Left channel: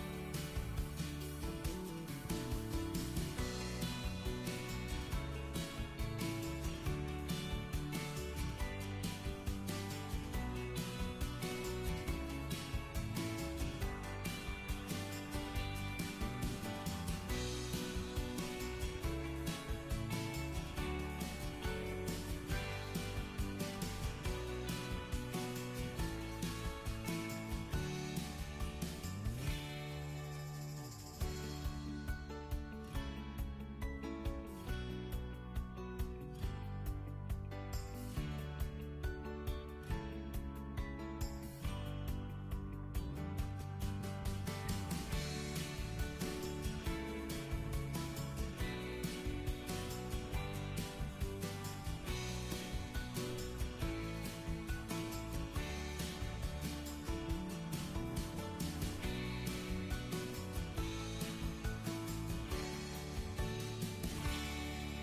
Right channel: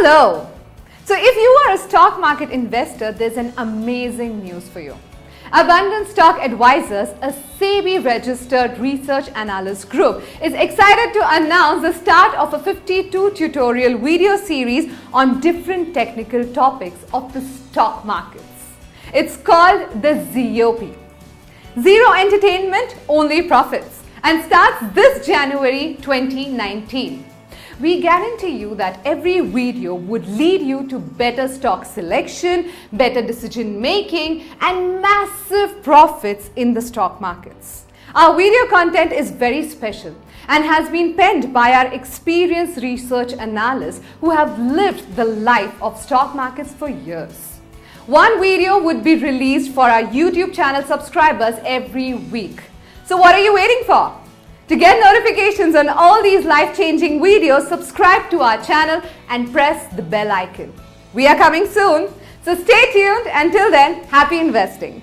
Hello! So if you are a stock market investor, there's an amazing news for you. Abundant Stock Advisors, a SEBI-registered research analyst group, is excited to announce the start of a 52 tutorial video series on different technical topics of the stock markets. It's called the ZOP. Zero Entertainment, Only Profits, and starts this January 2019. We guarantee you that every video would lead you to better stock selection, better decision making, and massive profits in the stock markets. Our video content is very special and has been penned by our experienced research analysts who have lived the life of stock markets for years. One video would be released for our YouTube channel subscribers every week. So what are you waiting for? To get notifications on all these life-changing videos, subscribe to our channel and press the bell icon. We are coming soon, so stay tuned. Until then, happy investing.